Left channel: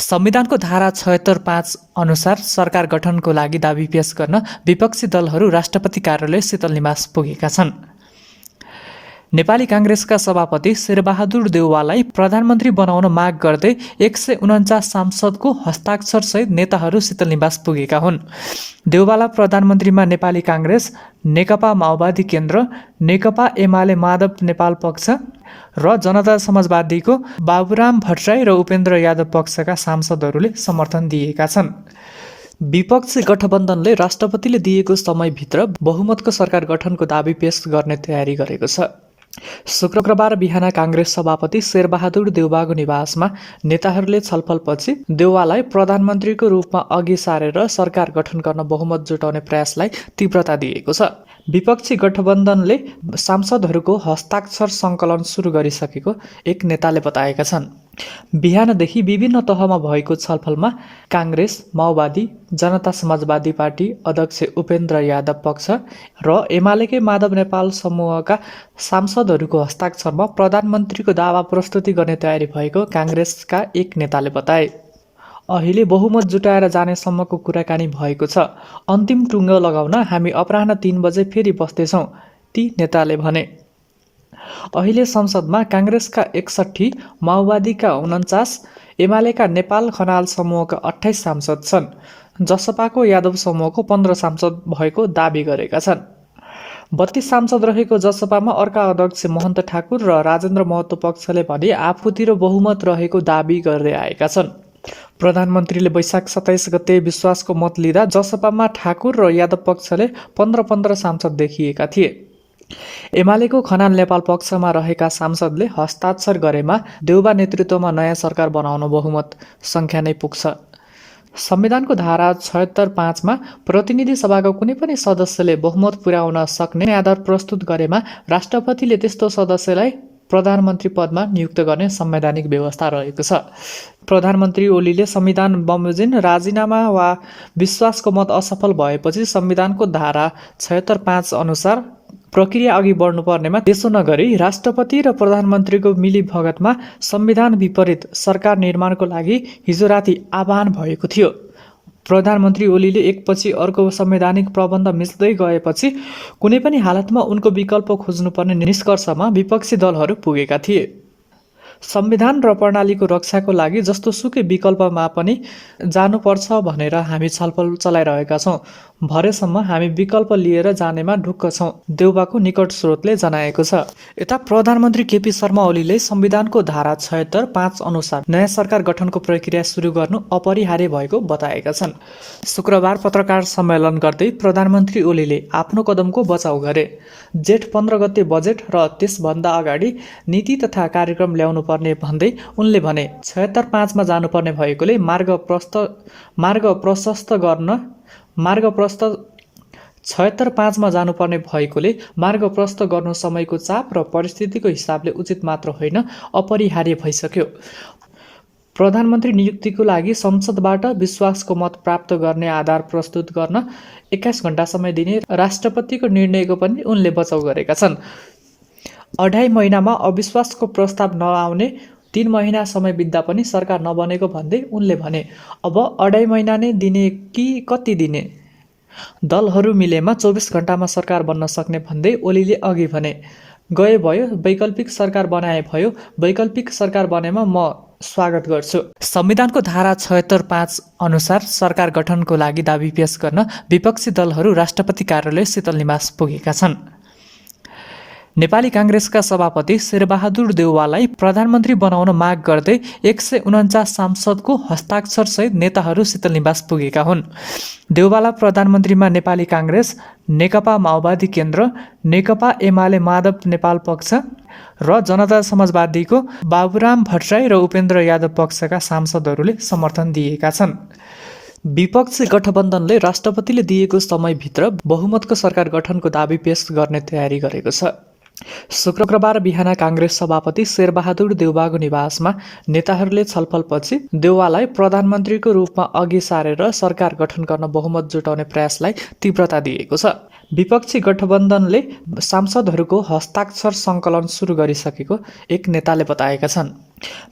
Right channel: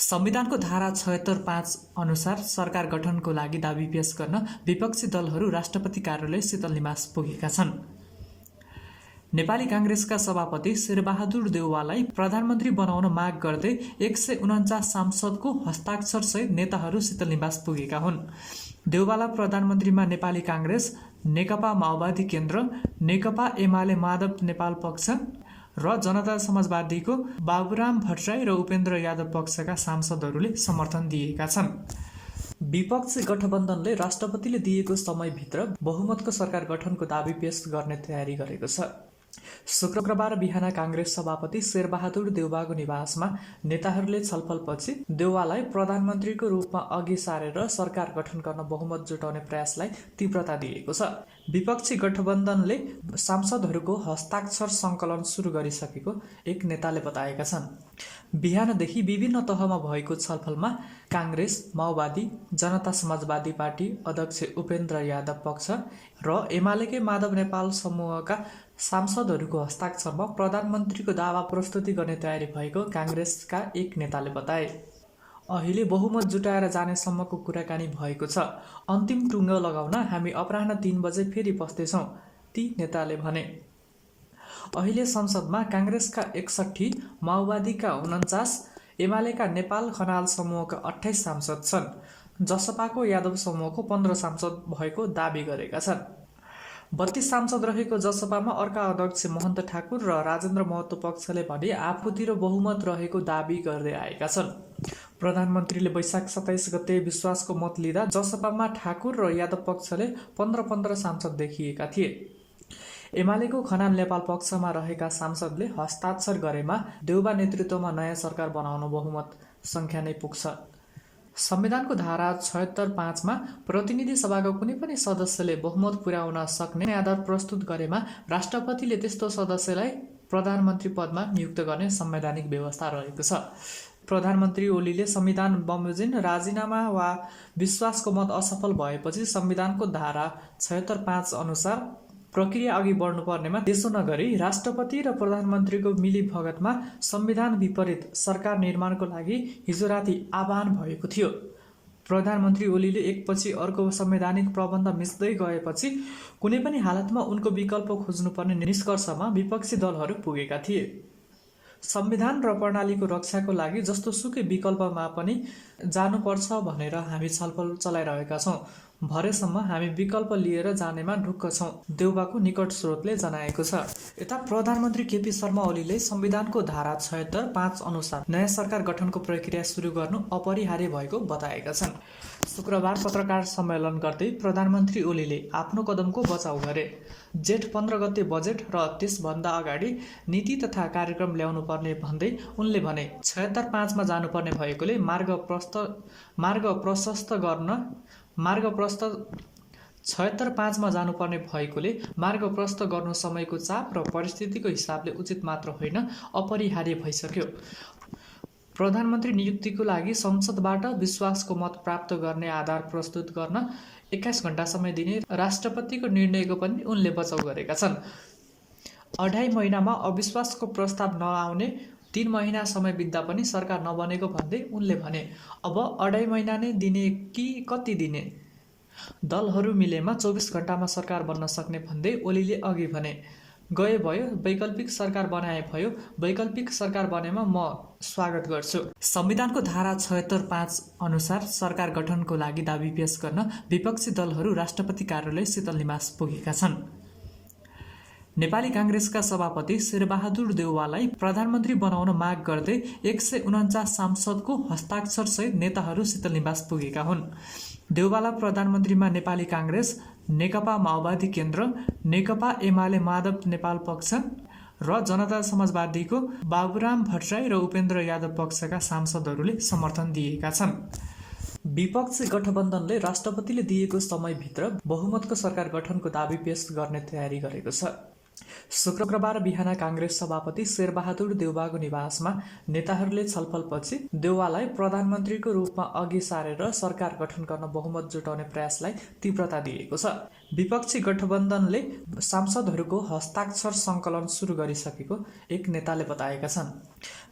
संविधानको धारा 76(5) अनुसार सरकार गठनको लागि दाबी पेश गर्न विपक्षी दलहरू राष्ट्रपति कार्यालय शीतल निवास पुगेका छन्। नेपाली काङ्ग्रेसका सभापति शेरबहादुर देउवालाई प्रधानमन्त्री बनाउन माग गर्दै 149 सांसदको हस्ताक्षरसहित नेताहरू शीतल निवास पुगेका हुन्। देउवाला प्रधानमन्त्रीमा नेपाली काङ्ग्रेस, नेकपा माओवादी केन्द्र, नेकपा एमाले माधव नेपाल पक्ष र जनता समाजवादीको बाबुराम भट्टराई र उपेन्द्र यादव पक्षका सांसदहरूले समर्थन दिएका छन्। विपक्षी गठबन्धनले राष्ट्रपतिले दिएको समयभित्र बहुमतको सरकार गठनको दाबी पेश गर्ने तयारी गरेको छ। शुक्रबार बिहान काङ्ग्रेस सभापति शेरबहादुर देउवाको निवासमा नेताहरूले छलफलपछि देउवालाई प्रधानमन्त्रीको रूपमा अघि सारेर सरकार गठन गर्न बहुमत जुटाउने प्रयासलाई तीव्रता दिएको छ। विपक्षी गठबन्धनले सांसदहरूको हस्ताक्षर सङ्कलन सुरु गरिसकेको एक नेताले बताएका छन्। बिहानदेखि विभिन्न तहमा भएको छलफलमा काङ्ग्रेस, माओवादी, जनता समाजवादी पार्टी अध्यक्ष उपेन्द्र यादव पक्ष र एमालेकै माधव नेपाल समूहका सांसदहरूको हस्ताक्षरमा प्रधानमन्त्रीको दावा प्रस्तुति गर्ने तयारी भएको काङ्ग्रेसका एक नेताले बताए। अहिले बहुमत जुटाएर जानेसम्मको कुराकानी भएको छ। अन्तिम टुङ्गो लगाउन हामी अपराह्न 3 बजे फेरि बस्दैछौँ, ती नेताले भने। अहिले संसदमा काङ्ग्रेसका 61, माओवादीका 49, एमालेका नेपाल खनाल समूहका 28 सांसद छन्। जसपाको यादव समूहको 15 सांसद भएको दाबी गरेका छन्। 32 सांसद रहेको जसपामा अर्का अध्यक्ष महन्त ठाकुर र राजेन्द्र महतो पक्षले भने आफूतिर बहुमत रहेको दाबी गर्दै आएका छन्। प्रधानमन्त्रीले वैशाख 27 गते विश्वासको मत लिँदा जसपामा ठाकुर र यादव पक्षले 15 सांसद देखिएका थिए। एमालेको खनाल नेपाल पक्षमा रहेका सांसदले हस्ताक्षर गरेमा देउवा नेतृत्वमा नयाँ सरकार बनाउन बहुमत सङ्ख्या नै पुग्छ। संविधानको धारा 76(5) मा प्रतिनिधि सभाको कुनै पनि सदस्यले बहुमत पुर्याउन सक्ने आधार प्रस्तुत गरेमा राष्ट्रपतिले त्यस्तो सदस्यलाई प्रधानमन्त्री पदमा नियुक्त गर्ने संवैधानिक व्यवस्था रहेको छ। प्रधानमन्त्री ओलीले संविधान बमोजिम राजीनामा वा विश्वासको मत असफल भएपछि संविधानको धारा 76(5) अनुसार प्रक्रिया अघि बढ्नुपर्नेमा त्यसो नगरी राष्ट्रपति र प्रधानमन्त्रीको मिलीभगतमा संविधान विपरीत सरकार निर्माणको लागि हिजो राति आह्वान भएको थियो। प्रधानमन्त्री ओलीले एकपछि अर्को संवैधानिक प्रबन्ध मिच्दै गएपछि कुनै पनि हालतमा उनको विकल्प खोज्नुपर्ने निष्कर्षमा विपक्षी दलहरू पुगेका थिए। संविधान र प्रणालीको रक्षाको लागि जस्तो सुकै विकल्पमा पनि जानुपर्छ भनेर हामी छलफल चलाइरहेका छौँ। भरेसम्म हामी विकल्प लिएर जानेमा ढुक्क छौँ, देउवाको निकट स्रोतले जनाएको छ। यता प्रधानमन्त्री केपी शर्मा ओलीले संविधानको धारा 76(5) अनुसार नयाँ सरकार गठनको प्रक्रिया सुरु गर्नु अपरिहार्य भएको बताएका छन्। शुक्रबार पत्रकार सम्मेलन गर्दै प्रधानमन्त्री ओलीले आफ्नो कदमको बचाउ गरे। जेठ 15 गते बजेट र त्यसभन्दा अगाडि नीति तथा कार्यक्रम ल्याउनु पर्ने भन्दै उनले भने 76(5) मा जानुपर्ने भएकोले मार्ग प्रशस्त 76(5) मा जानुपर्ने भएकोले मार्ग प्रशस्त गर्नु समयको चाप र परिस्थितिको हिसाबले उचित मात्र होइन, अपरिहार्य भइसक्यो। प्रधानमन्त्री नियुक्तिको लागि संसदबाट विश्वासको मत प्राप्त गर्ने आधार प्रस्तुत गर्न 21 घण्टा समय दिने राष्ट्रपतिको निर्णयको पनि उनले बचाउ गरेका छन्। 2.5 महिनामा अविश्वासको प्रस्ताव नआउने 3 महिना समय बित्दा पनि सरकार नबनेको भन्दै उनले भने अब 2.5 महिना नै दिने कि कति दिने? दलहरू मिलेमा 24 घण्टामा सरकार बन्न सक्ने भन्दै ओलीले अघि भने गए भयो, वैकल्पिक सरकार बनाए भयो, वैकल्पिक सरकार बनेमा म स्वागत गर्छु। संविधानको धारा 76(5) अनुसार सरकार गठनको लागि दाबी पेश गर्न विपक्षी दलहरू राष्ट्रपति कार्यालय शीतल निवास पुगेका छन्। नेपाली काङ्ग्रेसका सभापति शेरबहादुर देउवालाई प्रधानमन्त्री बनाउन माग गर्दै 149 सांसदको हस्ताक्षरसहित नेताहरू शीतल निवास पुगेका हुन्। देउवाला प्रधानमन्त्रीमा नेपाली काङ्ग्रेस, नेकपा माओवादी केन्द्र, नेकपा एमाले माधव नेपाल पक्ष र जनता समाजवादीको बाबुराम भट्टराई र उपेन्द्र यादव पक्षका सांसदहरूले समर्थन दिएका छन्। विपक्षी गठबन्धनले राष्ट्रपतिले दिएको समयभित्र बहुमतको सरकार गठनको दाबी पेश गर्ने तयारी गरेको छ। शुक्रबार बिहान काङ्ग्रेस सभापति शेरबहादुर देउवाको निवासमा नेताहरूले छलफलपछि देउवालाई प्रधानमन्त्रीको रूपमा अघि सारेर सरकार गठन गर्न बहुमत जुटाउने प्रयासलाई तीव्रता दिएको छ। विपक्षी गठबन्धनले सांसदहरूको हस्ताक्षर सङ्कलन सुरु गरिसकेको एक नेताले बताएका छन्।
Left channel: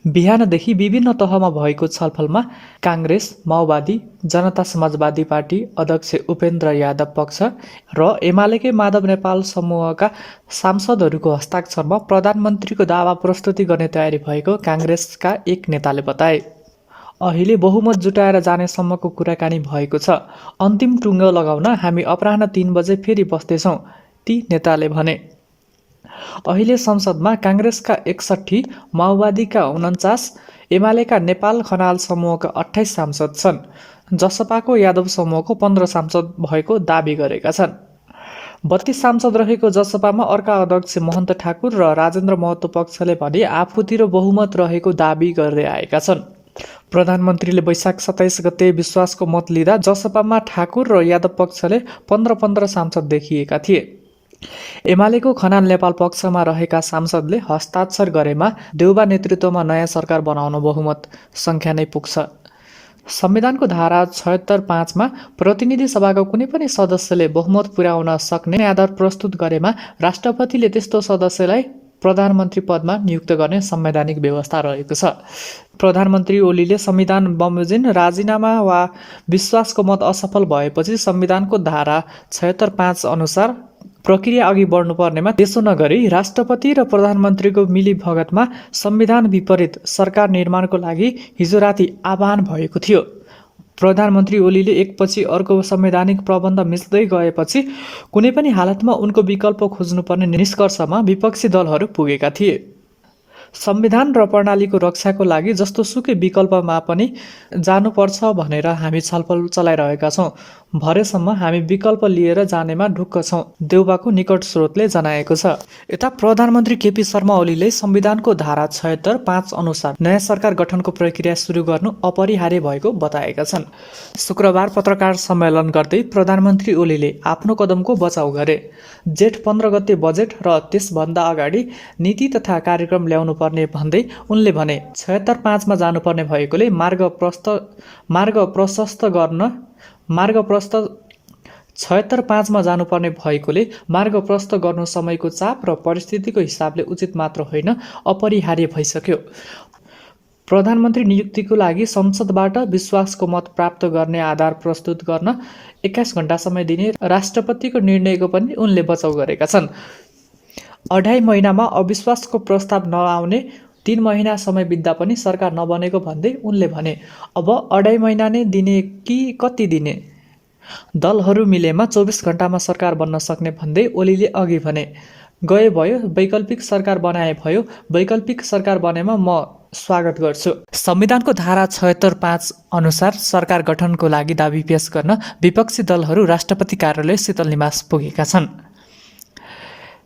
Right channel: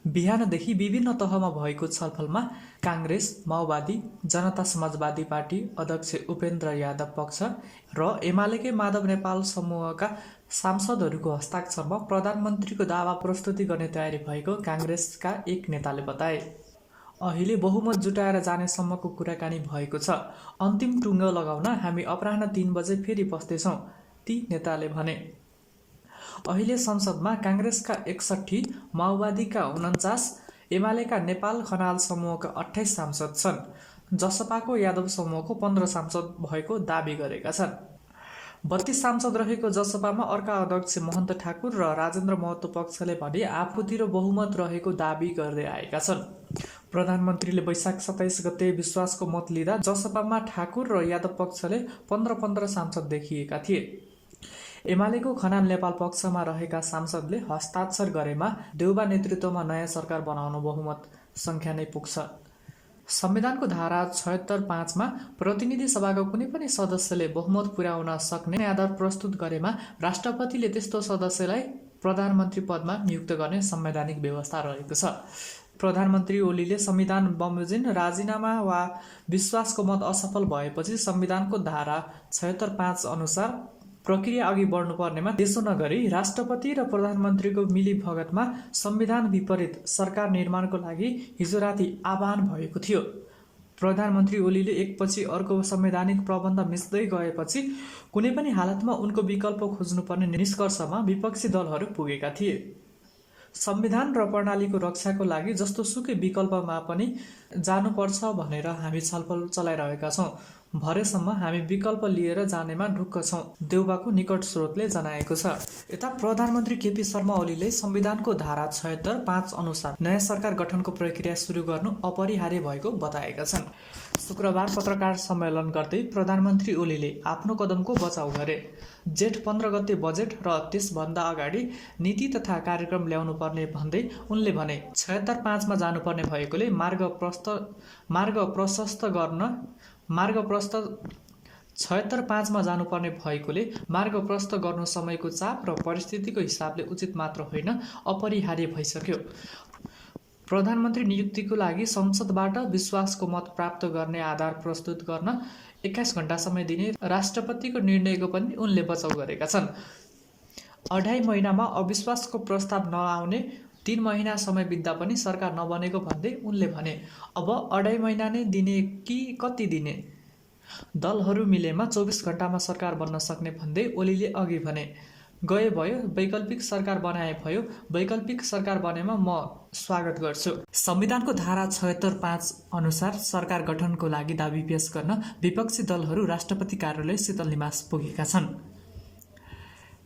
बिहानदेखि विभिन्न तहमा भएको छलफलमा काङ्ग्रेस, माओवादी, जनता समाजवादी पार्टी अध्यक्ष उपेन्द्र यादव पक्ष र एमालेकै माधव नेपाल समूहका सांसदहरूको हस्ताक्षरमा प्रधानमन्त्रीको दावा प्रस्तुति गर्ने तयारी भएको काङ्ग्रेसका एक नेताले बताए। अहिले बहुमत जुटाएर जानेसम्मको कुराकानी भएको छ। अन्तिम टुङ्गो लगाउन हामी अपराह्न 3 बजे फेरि बस्दैछौँ, ती नेताले भने। अहिले संसदमा काङ्ग्रेसका 61, माओवादीका 49, एमालेका नेपाल खनाल समूहका 28 सांसद छन्। जसपाको यादव समूहको 15 सांसद भएको दाबी गरेका छन्। 32 सांसद रहेको जसपामा अर्का अध्यक्ष महन्त ठाकुर र राजेन्द्र महतो पक्षले भने आफूतिर बहुमत रहेको दाबी गर्दै आएका छन्। प्रधानमन्त्रीले वैशाख 27 गते विश्वासको मत लिँदा जसपामा ठाकुर र यादव पक्षले 15 सांसद देखिएका थिए। एमालेको खनाल नेपाल पक्षमा रहेका सांसदले हस्ताक्षर गरेमा देउबा नेतृत्वमा नयाँ सरकार बनाउन बहुमत सङ्ख्या नै पुग्छ। संविधानको धारा 76(5) मा प्रतिनिधि सभाको कुनै पनि सदस्यले बहुमत पुर्याउन सक्ने आधार प्रस्तुत गरेमा राष्ट्रपतिले त्यस्तो सदस्यलाई प्रधानमन्त्री पदमा नियुक्त गर्ने संवैधानिक व्यवस्था रहेको छ। प्रधानमन्त्री ओलीले संविधान बमोजिम राजीनामा वा विश्वासको मत असफल भएपछि संविधानको धारा 76(5) अनुसार प्रक्रिया अघि बढ्नुपर्नेमा त्यसो नगरी राष्ट्रपति र प्रधानमन्त्रीको मिलीभगतमा संविधान विपरीत सरकार निर्माणको लागि हिजो राति आह्वान भएको थियो। प्रधानमन्त्री ओलीले एकपछि अर्को संवैधानिक प्रबन्ध मिच्दै गएपछि कुनै पनि हालतमा उनको विकल्प खोज्नुपर्ने निष्कर्षमा विपक्षी दलहरू पुगेका थिए। संविधान र प्रणालीको रक्षाको लागि जस्तोसुकै विकल्पमा पनि जानुपर्छ भनेर हामी छलफल चलाइरहेका छौँ। भरेसम्म हामी विकल्प लिएर जानेमा ढुक्क छौँ, देउबाको निकट स्रोतले जनाएको छ। यता प्रधानमन्त्री केपी शर्मा ओलीले संविधानको धारा 76(5) अनुसार नयाँ सरकार गठनको प्रक्रिया सुरु गर्नु अपरिहार्य भएको बताएका छन्। शुक्रबार पत्रकार सम्मेलन गर्दै प्रधानमन्त्री ओलीले आफ्नो कदमको बचाउ गरे। जेठ 15 गते बजेट र त्यसभन्दा अगाडि नीति तथा कार्यक्रम ल्याउनु पर्ने भन्दै उनले भने 76(5) मा जानुपर्ने भएकोले मार्ग प्रशस्त 76(5) मा जानुपर्ने भएकोले मार्ग प्रशस्त गर्नु समयको चाप र परिस्थितिको हिसाबले उचित मात्र होइन, अपरिहार्य भइसक्यो। प्रधानमन्त्री नियुक्तिको लागि संसदबाट विश्वासको मत प्राप्त गर्ने आधार प्रस्तुत गर्न 21 घण्टा समय दिने राष्ट्रपतिको निर्णयको पनि उनले बचाउ गरेका छन्। 2.5 महिनामा अविश्वासको प्रस्ताव नआउने 3 महिना समय बित्दा पनि सरकार नबनेको भन्दै उनले भने, अब 2.5 महिना नै दिने कि कति दिने? दलहरू मिलेमा 24 घण्टामा सरकार बन्न सक्ने भन्दै ओलीले अघि भने, गए भयो, वैकल्पिक सरकार बनाए भयो, वैकल्पिक सरकार बनेमा म स्वागत गर्छु। संविधानको धारा 76(5) अनुसार सरकार गठनको लागि दाबी पेश गर्न विपक्षी दलहरू राष्ट्रपति कार्यालय शीतल निवास पुगेका छन्।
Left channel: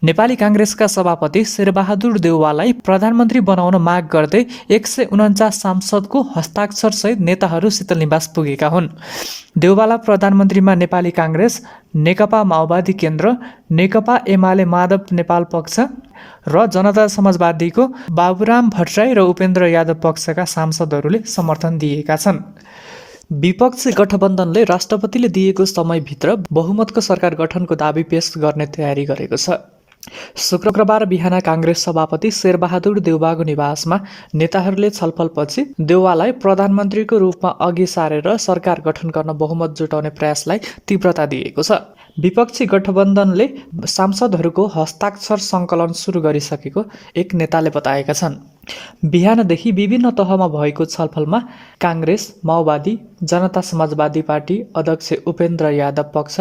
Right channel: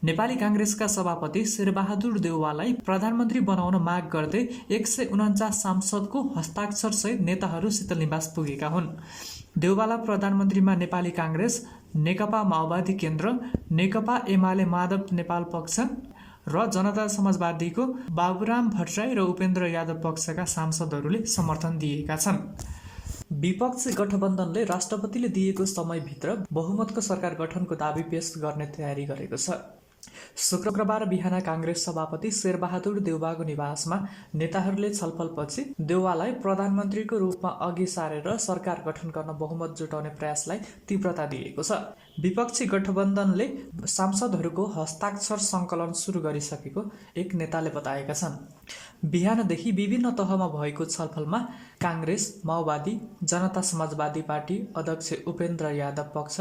नेपाली काङ्ग्रेसका सभापति शेरबहादुर देउवालाई प्रधानमन्त्री बनाउन माग गर्दै 149 सांसदको हस्ताक्षरसहित नेताहरू शीतल निवास पुगेका हुन्। देउवालाई प्रधानमन्त्रीमा नेपाली काङ्ग्रेस, नेकपा माओवादी केन्द्र, नेकपा एमाले माधव नेपाल पक्ष र जनता समाजवादीको बाबुराम भट्टराई र उपेन्द्र यादव पक्षका सांसदहरूले समर्थन दिएका छन्। विपक्षी गठबन्धनले राष्ट्रपतिले दिएको समयभित्र बहुमतको सरकार गठनको दाबी पेश गर्ने तयारी गरेको छ। शुक्रबार बिहान काङ्ग्रेस सभापति शेरबहादुर देउवाको निवासमा नेताहरूले छलफलपछि देउवालाई प्रधानमन्त्रीको रूपमा अघि सारेर सरकार गठन गर्न बहुमत जुटाउने प्रयासलाई तीव्रता दिएको छ। विपक्षी गठबन्धनले सांसदहरूको हस्ताक्षर सङ्कलन सुरु गरिसकेको एक नेताले बताएका छन्। बिहानदेखि विभिन्न तहमा भएको छलफलमा काङ्ग्रेस, माओवादी, जनता समाजवादी पार्टी अध्यक्ष उपेन्द्र यादव पक्ष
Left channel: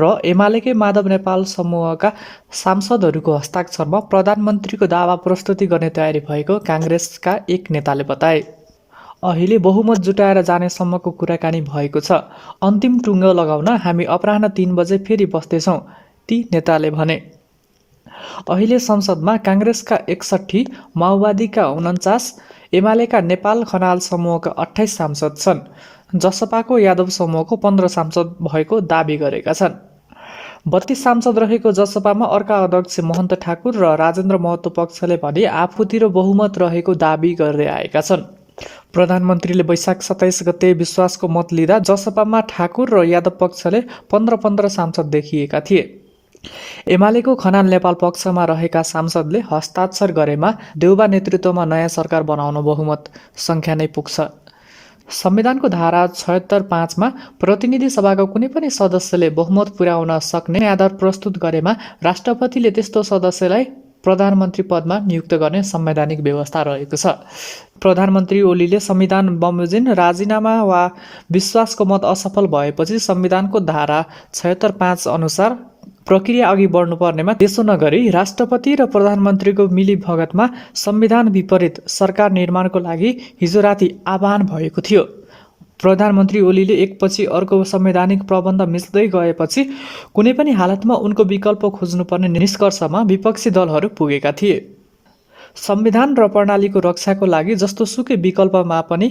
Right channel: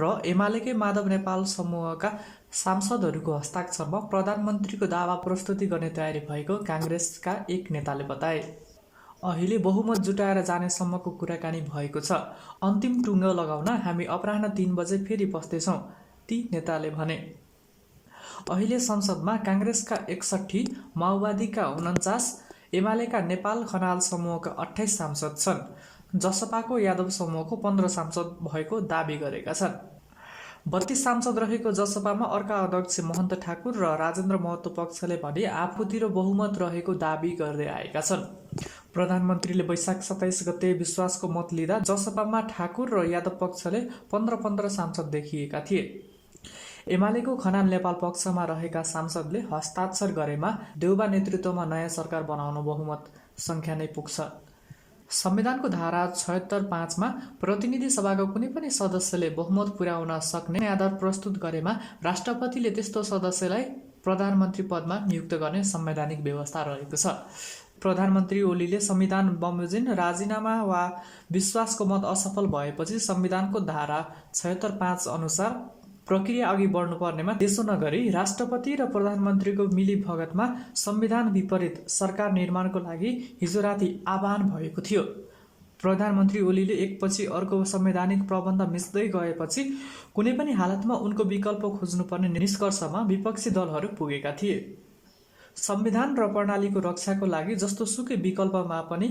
र एमालेकै माधव नेपाल समूहका सांसदहरूको हस्ताक्षरमा प्रधानमन्त्रीको दावा प्रस्तुति गर्ने तयारी भएको काङ्ग्रेसका एक नेताले बताए। अहिले बहुमत जुटाएर जानेसम्मको कुराकानी भएको छ। अन्तिम टुङ्गो लगाउन हामी अपराह्न 3 बजे फेरि बस्दैछौँ, ती नेताले भने। अहिले संसदमा काङ्ग्रेसका 61, माओवादीका 49, एमालेका नेपाल खनाल समूहका 28 सांसद छन्। जसपाको यादव समूहको 15 सांसद भएको दाबी गरेका छन्। 32 सांसद रहेको जसपामा अर्का अध्यक्ष महन्त ठाकुर र राजेन्द्र महतो पक्षले भने आफूतिर बहुमत रहेको दाबी गर्दै आएका छन्। प्रधानमन्त्रीले वैशाख 27 गते विश्वासको मत लिँदा जसपामा ठाकुर र यादव पक्षले 15 सांसद देखिएका थिए। एमालेको खनाल नेपाल पक्षमा रहेका सांसदले हस्ताक्षर गरेमा देउबा नेतृत्वमा नयाँ सरकार बनाउन बहुमत सङ्ख्या नै पुग्छ। संविधानको धारा 76(5) प्रतिनिधि सभाको कुनै पनि सदस्यले बहुमत पुर्याउन सक्ने आधार प्रस्तुत गरेमा राष्ट्रपतिले त्यस्तो सदस्यलाई प्रधानमन्त्री पदमा नियुक्त गर्ने संवैधानिक व्यवस्था रहेको छ। प्रधानमन्त्री ओलीले संविधान बमोजिम राजीनामा वा विश्वासको मत असफल भएपछि संविधानको धारा 76(5) अनुसार प्रक्रिया अघि बढ्नुपर्नेमा त्यसो नगरी राष्ट्रपति र प्रधानमन्त्रीको मिलीभगतमा संविधान विपरीत सरकार निर्माणको लागि हिजो राति आह्वान भएको थियो। प्रधानमन्त्री ओलीले एकपछि अर्को संवैधानिक प्रबन्ध मिच्दै गएपछि कुनै पनि हालतमा उनको विकल्प खोज्नुपर्ने निष्कर्षमा विपक्षी दलहरू पुगेका थिए। संविधान र प्रणालीको रक्षाको लागि जस्तो सुकै विकल्पमा पनि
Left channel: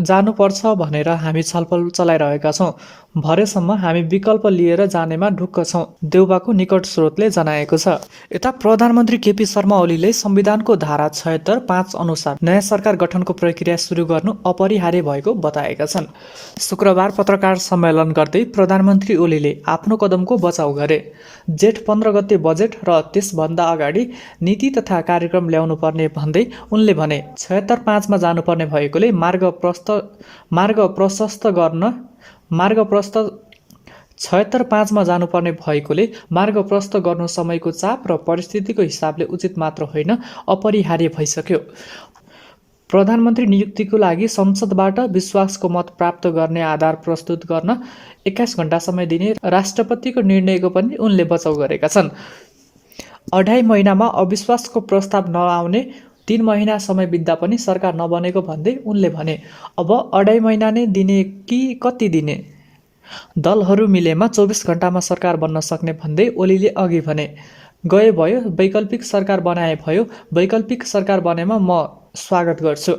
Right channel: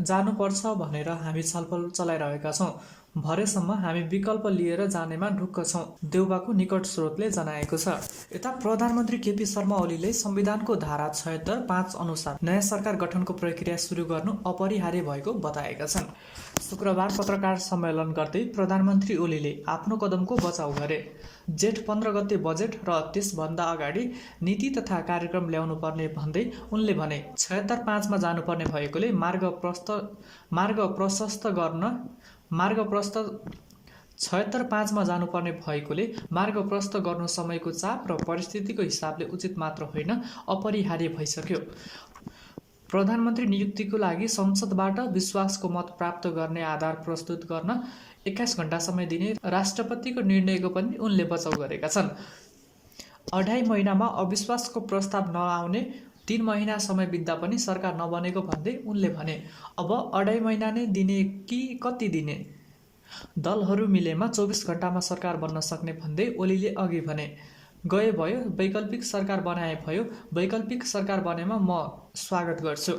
जानुपर्छ भनेर हामी छलफल चलाइरहेका छौँ। भरेसम्म हामी विकल्प लिएर जानेमा ढुक्क छौँ, देउबाको निकट स्रोतले जनाएको छ। यता प्रधानमन्त्री केपी शर्मा ओलीले संविधानको धारा 76(5) अनुसार नयाँ सरकार गठनको प्रक्रिया सुरु गर्नु अपरिहार्य भएको बताएका छन्। शुक्रबार पत्रकार सम्मेलन गर्दै प्रधानमन्त्री ओलीले आफ्नो कदमको बचाउ गरे। जेठ 15 गते बजेट र त्यसभन्दा अगाडि नीति तथा कार्यक्रम ल्याउनु पर्ने भन्दै उनले भने 76(5) मा जानुपर्ने भएकोले मार्ग प्रशस्त 76(5) मा जानुपर्ने भएकोले मार्ग प्रशस्त गर्नु समयको चाप र परिस्थितिको हिसाबले उचित मात्र होइन, अपरिहार्य भइसक्यो। प्रधानमन्त्री नियुक्तिको लागि संसदबाट विश्वासको मत प्राप्त गर्ने आधार प्रस्तुत गर्न 21 घण्टा समय दिने राष्ट्रपतिको निर्णयको पनि उनले बचाउ गरेका छन्। 2.5 महिनामा अविश्वासको प्रस्ताव नआउने 3 महिना समय बित्दा पनि सरकार नबनेको भन्दै उनले भने, अब 2.5 महिना नै दिने कि कति दिने? दलहरू मिलेमा 24 घण्टामा सरकार बन्न सक्ने भन्दै ओलीले अघि भने, गए भयो, वैकल्पिक सरकार बनाए भयो, वैकल्पिक सरकार बनेमा म स्वागत गर्छु।